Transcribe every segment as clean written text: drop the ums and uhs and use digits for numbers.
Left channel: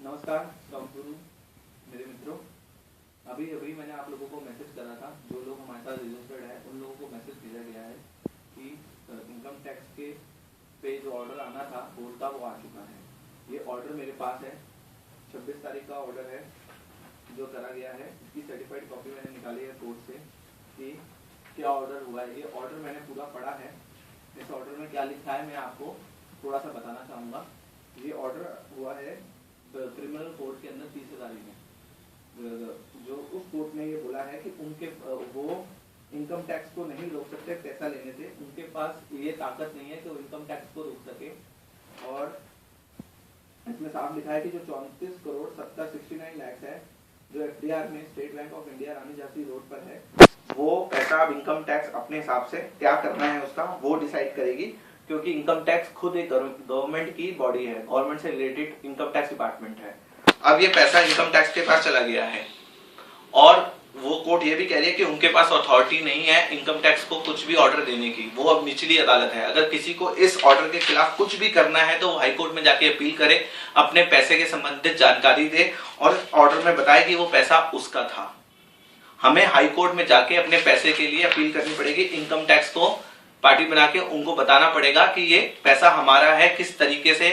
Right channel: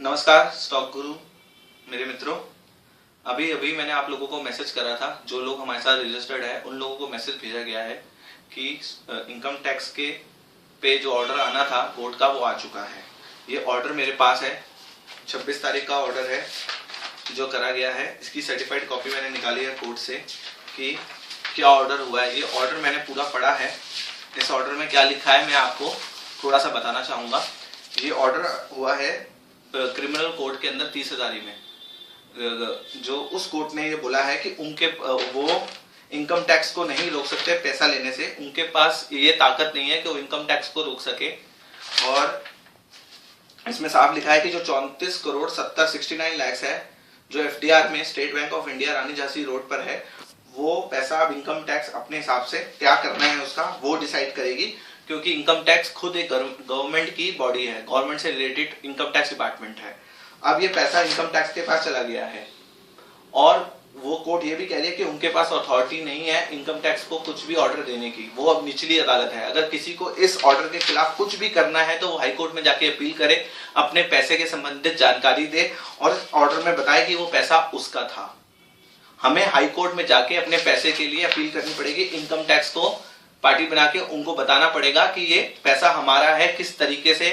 नमस्कार स्टॉक गुरु मेरे मित्रों। अभी अभी मैंने आप लोगों को मैसेज करा था, जो लोग हमारे साथ रजिस्टर्ड है उन लोगों को मैसेज भेजा गया है कि इनकम टैक्स के पे जो ऑर्डर आना था कोर्ट का वो आ चुका है। ये ऑर्डर मेरे पास है, 26 तारीख का ऑर्डर है जो करा गया है। इसकी सर्टिफाइड कॉपी मैंने निकाली है कोर्ट से कि क्या ऑर्डर हुआ है। ये ऑर्डर मैंने पूरा पढ़ा है। इस ऑर्डर में क्या लिखा है मैं आपको थोड़ा सा बताना चाहूँगा। ये ऑर्डर हुआ है क्रिमिनल कोर्ट के अंदर 30,000 में। जो उस कोर्ट ने ये बोला है कि उनके वो इनकम टैक्स को नहीं रोक सकते पैसा लेने से, उनके पास ये ताकत नहीं है कि वो इनकम टैक्स को रोक सके। और इसमें साफ लिखा है कि जो 34 करोड़ 69 लाख है जो एफडीआर में state bank of India Rani Jhansi road पर है, वो पैसा अब इनकम टैक्स अपने हिसाब से क्या करना है उसका वो डिसाइड करेगी, क्योंकि इनकम टैक्स खुद एक गवर्नमेंट की बॉडी है, गवर्नमेंट से रिलेटेड इनकम टैक्स डिपार्टमेंट है। अब ये पैसा इनकम टैक्स के पास चला गया है और वो कोर्ट ये भी कह रही है कि उनके पास अथॉरिटी नहीं है इनकम टैक्स को कुछ भी ऑर्डर देने की, वो अब निचली अदालत है। अगर किसी को इस ऑर्डर के खिलाफ कुछ भी करना है तो वो हाई कोर्ट में जाके अपील करे, अपने पैसे के संबंधित जानकारी दे और ऑर्डर में बताए कि वो पैसा उसका था। हमें हाई कोर्ट में जाके अपने पैसे के लिए अपील करनी पड़ेगी, इनकम टैक्स को पार्टी बना के उनको बताना पड़ेगा कि ये पैसा हमारा है, किस तरीके से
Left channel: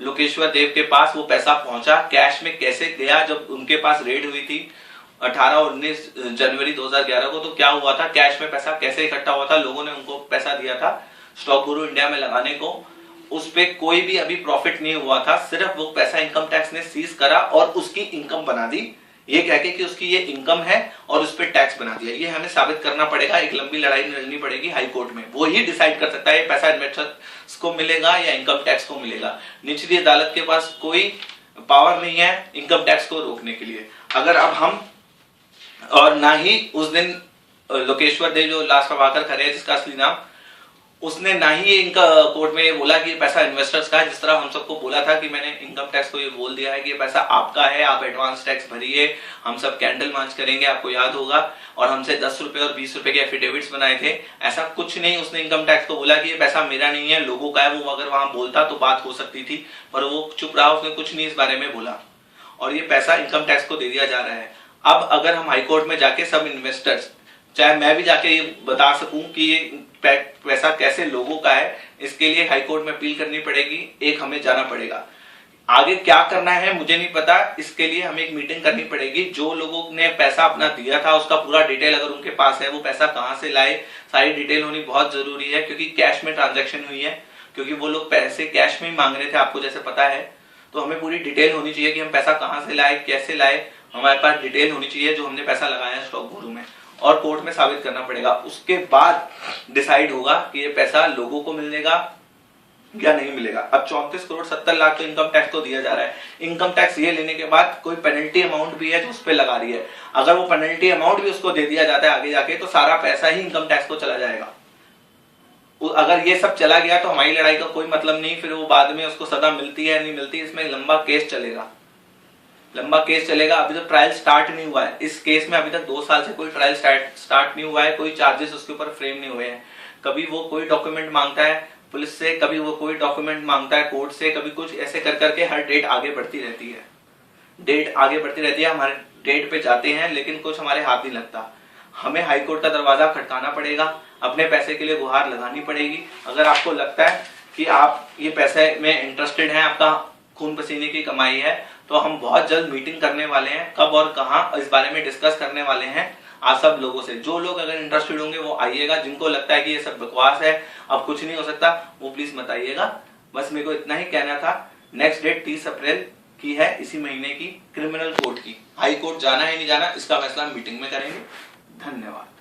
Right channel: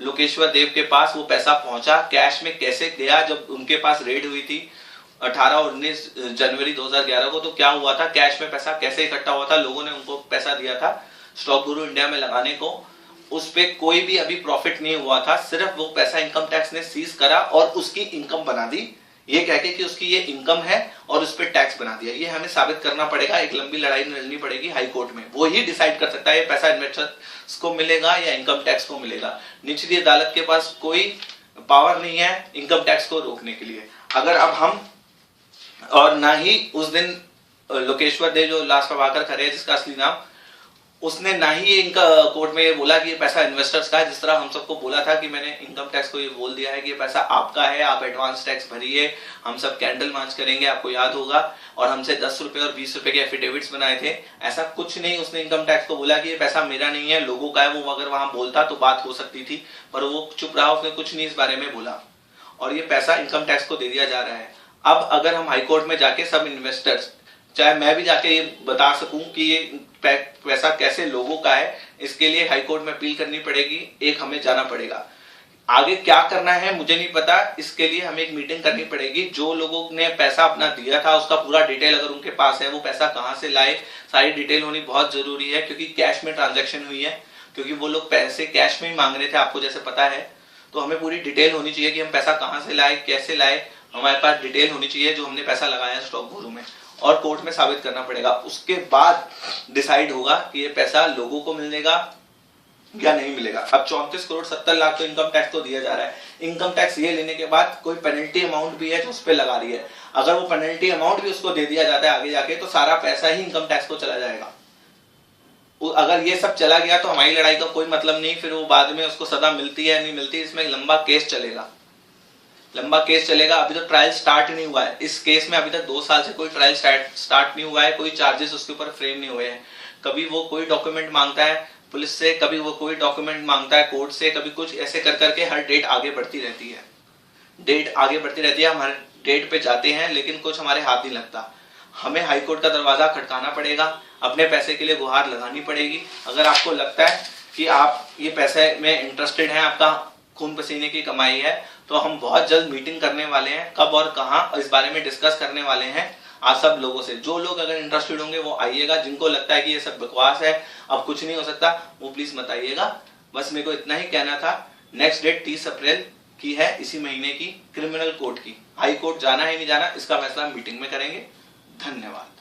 लोकेश्वर देव के पास वो पैसा पहुंचा, कैश में कैसे गया। जब उनके पास रेड हुई थी 18 और 19 जनवरी 2011 को, तो क्या हुआ था, कैश में पैसा कैसे इकट्ठा हुआ था, लोगों ने उनको पैसा दिया था स्टॉक गुरु इंडिया में लगाने को, उस पे कोई भी अभी प्रॉफिट नहीं हुआ था। सिर्फ वो पैसा इनकम टैक्स ने सीज करा और उसकी इनकम बना दी, ये कह के कि उसकी ये इनकम है और उस पर टैक्स बना दिया। ये हमें साबित करना पड़ेगा, एक लंबी लड़ाई लड़नी पड़ेगी हाई कोर्ट में। वो ही डिसाइड कर सकता है ये पैसा इन्वेस्टर्स को मिलेगा या इनकम टैक्स को मिलेगा। निचली अदालत के पास कोई पावर नहीं है इनकम टैक्स को रोकने के लिए। अगर अब हम और ना ही उस दिन लोकेश्वर देव जो लाश प्रभाकर खरे जिसका असली नाम, उसने ना ही इनका कोर्ट में ये बोला कि ये पैसा इन्वेस्टर्स का है, जिस तरह हम सबको बोला था कि मैंने इनकम टैक्स को ये बोल दिया है कि ये पैसा आपका है, आप एडवांस टैक्स भरिए, हम सब कैंडल मार्च करेंगे, आपको याद होगा, और हमसे 10 रुपए और 20 रुपए के एफिडेविट्स बनाए थे। ऐसा कुछ नहीं, उसने इनकम टैक्स को बोला कि ये पैसा मेरा नहीं है, लोगों का है। वो अगर वहां बोलता तो बात हो सकती थी, पर वो चुप रहा, उसने कुछ नहीं इस बारे में बोला और ये पैसा इनकम टैक्स को दे दिया जा रहा है। अब अगर हम हाईकोर्ट में जाके सब इन्वेस्टर्स, चाहे मैं भी जाके ये बता सकूं कि ये पैसा कैसे लोगों का है, इसके लिए हाईकोर्ट में अपील करनी पड़ेगी, एक हमें जाना पड़ेगा। आगे क्या करना है मुझे नहीं पता, इसके लिए हमें एक मीटिंग करनी पड़ेगी। जो लोगों ने पैसा अपना दिया था उसका पूरा डिटेल अगर उनके पास है, वो पैसा कहां से लाए, सारी डिटेल होनी बहुत जरूरी है, क्योंकि कैश में ट्रांजैक्शन हुई है, क्योंकि वो लोग पैसे कैश में ही मांग रहे थे, आपको जैसे पता है। तो हमें पूरी डिटेल होनी चाहिए कि हम पैसा कहां से लाए, कैसे लाए, हमारे पास डिटेल होनी चाहिए जो हमने पैसा लगाया है स्टॉक गुरु में, और कोर्ट में साबित करना पड़ेगा। उसके बाद डिसाइड होगा कि ये पैसा लोगों को मिलेगा या नहीं मिलेगा। अब 34 करोड़ 70 लाख तो इनकम टैक्स को दिया जा रहा है। इनकम टैक्स ये लेने के बाद कोई पेनल्टी अमाउंट भी है जो उस पर लगा रही है, अगर वो पेनल्टी अमाउंट भी उसको दे दिया जाता है आगे जाके, तो सारा पैसा ही इनकम टैक्स को चला जाएगा। अगर ये सब चला गया तो हमारी लड़ाई का कोई मतलब नहीं, फिर वो बाद में उसको सजा मिलती है नहीं मिलती, इसमें लंबा केस चलेगा, लंबा केस चलेगा। अभी तो ट्रायल स्टार्ट नहीं हुआ है इस केस में, अभी तक 2 साल से कोई ट्रायल स्टार्ट नहीं हुआ है, कोई चार्जेस उसके ऊपर फ्रेम नहीं हुए हैं। कभी वो कोई डॉक्यूमेंट मांगता है पुलिस से, कभी वो कोई डॉक्यूमेंट मांगता है कोर्ट से, कभी कुछ, ऐसे कर करके हर डेट आगे बढ़ती रहती है, डेट आगे बढ़ती रहती है। हमारे डेट पे जाते हैं लेकिन कुछ हमारे हाथ नहीं लगता। हमें हाईकोर्ट का दरवाजा खटकाना पड़ेगा, अपने पैसे के लिए गुहार लगानी पड़ेगी। अगर आपको लगता है कि आप ये पैसे में इंटरेस्टेड हैं, आपका खून पसीने की कमाई है, तो हम बहुत जल्द मीटिंग करने वाले हैं, कब और कहां इस बारे में डिस्कस करने वाले हैं आप सब लोगों से। जो लोग अगर इंटरेस्टेड होंगे वो आइएगा, जिनको लगता है कि ये सब बकवास है, अब कुछ नहीं हो सकता, वो प्लीज मत आइएगा। बस मेरे को इतना ही कहना था। नेक्स्ट डेट 30 अप्रैल की है, इसी महीने की, क्रिमिनल कोर्ट की। हाई कोर्ट जाना है नहीं जाना इसका फैसला मीटिंग में करेंगे। धन्यवाद।